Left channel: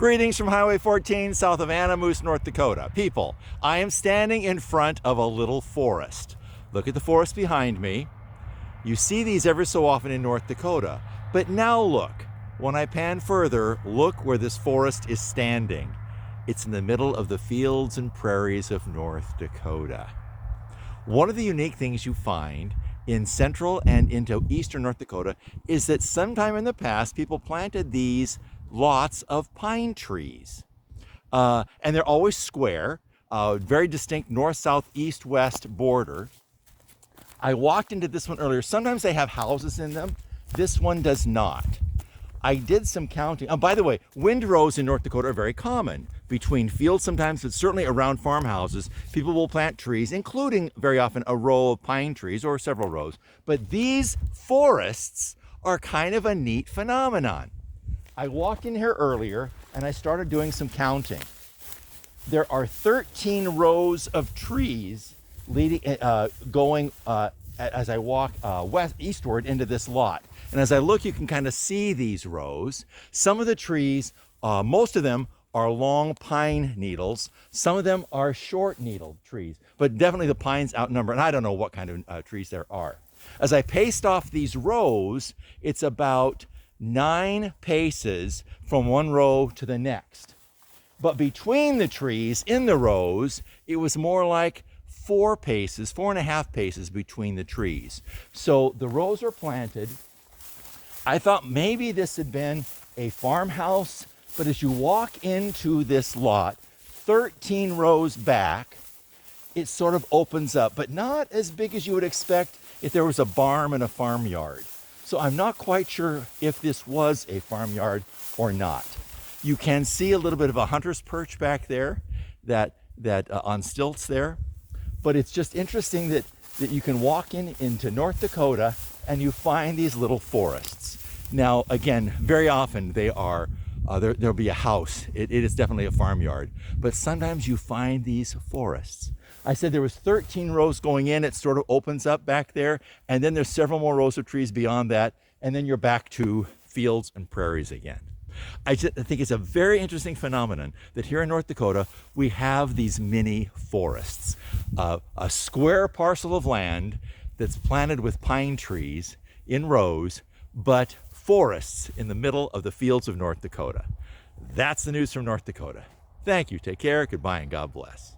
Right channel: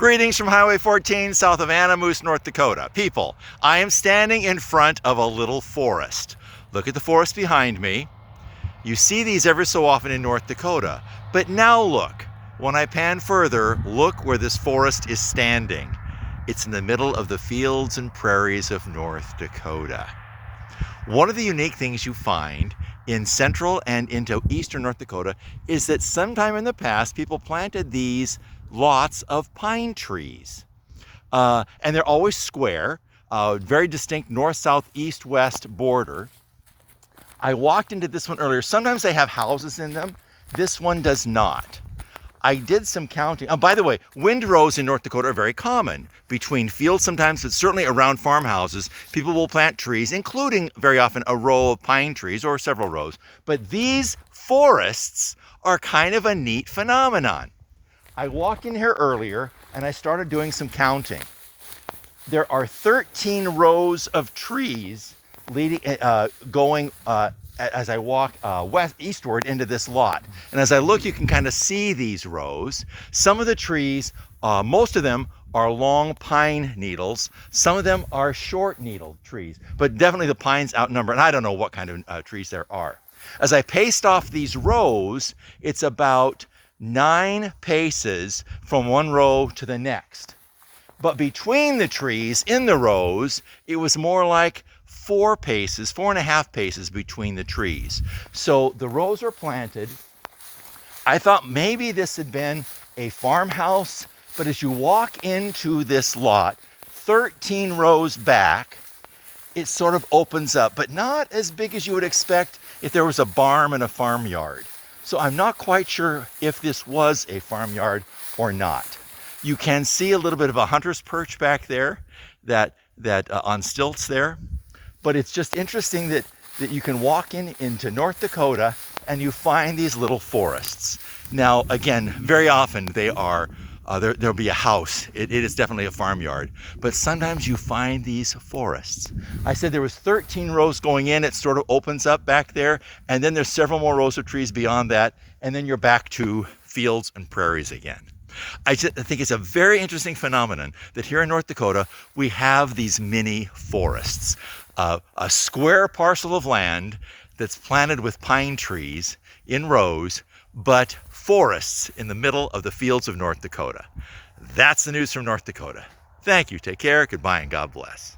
Greetings from Highway 14 south of Anamoose, North Dakota. People, I am standing in front of a little forest. Look at the forest behind me. You see these ever so often in North Dakota. But now look, when I pan further, look where this forest is standing. It's in the middle of the fields and prairies of North Dakota. One of the unique things you find in central and into eastern North Dakota is that sometime in the past, people planted these lots of pine trees. And they're always square, very distinct north, south, east, west border. I walked into this one earlier. Sometimes they have houses in them. This one does not. I did some counting. Oh, by the way, windrows in North Dakota are very common. Between fields sometimes, but certainly around farmhouses, people will plant trees, including very often a row of pine trees or several rows. But these forests are kind of a neat phenomenon. I walked in here earlier and I started doing some counting. There are 13 rows of trees leading, going as I walk eastward into this lot. And as I look, you can kind of see these rows. Some of the trees, most of them are long pine needles. Some of them are short needle trees, but definitely the pines outnumber, and I don't know what kind of trees there are. As I paced off these rows, it's about 9 paces from one row to the next. But between the trees in the rows, it was more like 4.5 paces between the trees. So the rows are planted. I thought maybe this had been a farmhouse, but as you walk into this lot, 13 rows back, it sort of opens up, but not as big as you would expect if there was a barn and a farmyard. So I'm not quite sure if this was a farmyard or not. You can see a little bit of a hunter's perch back there, that on stilts there. But it's just interesting that you can walk into North Dakota and you find these little forests. Now, again, very often they are, there'll be a house. It is definitely a farmyard. But sometimes you find these forests. I said there was 13 rows going in. It sort of opens up back there. And then there's several more rows of trees beyond that. And then you're back to fields and prairies again. I think it's a very interesting phenomenon that here in North Dakota, we have these mini forests. A square parcel of land that's planted with pine trees in rows, but forests in the middle of the fields of North Dakota. That's the news from North Dakota. Thank you. Take care. Goodbye and God bless.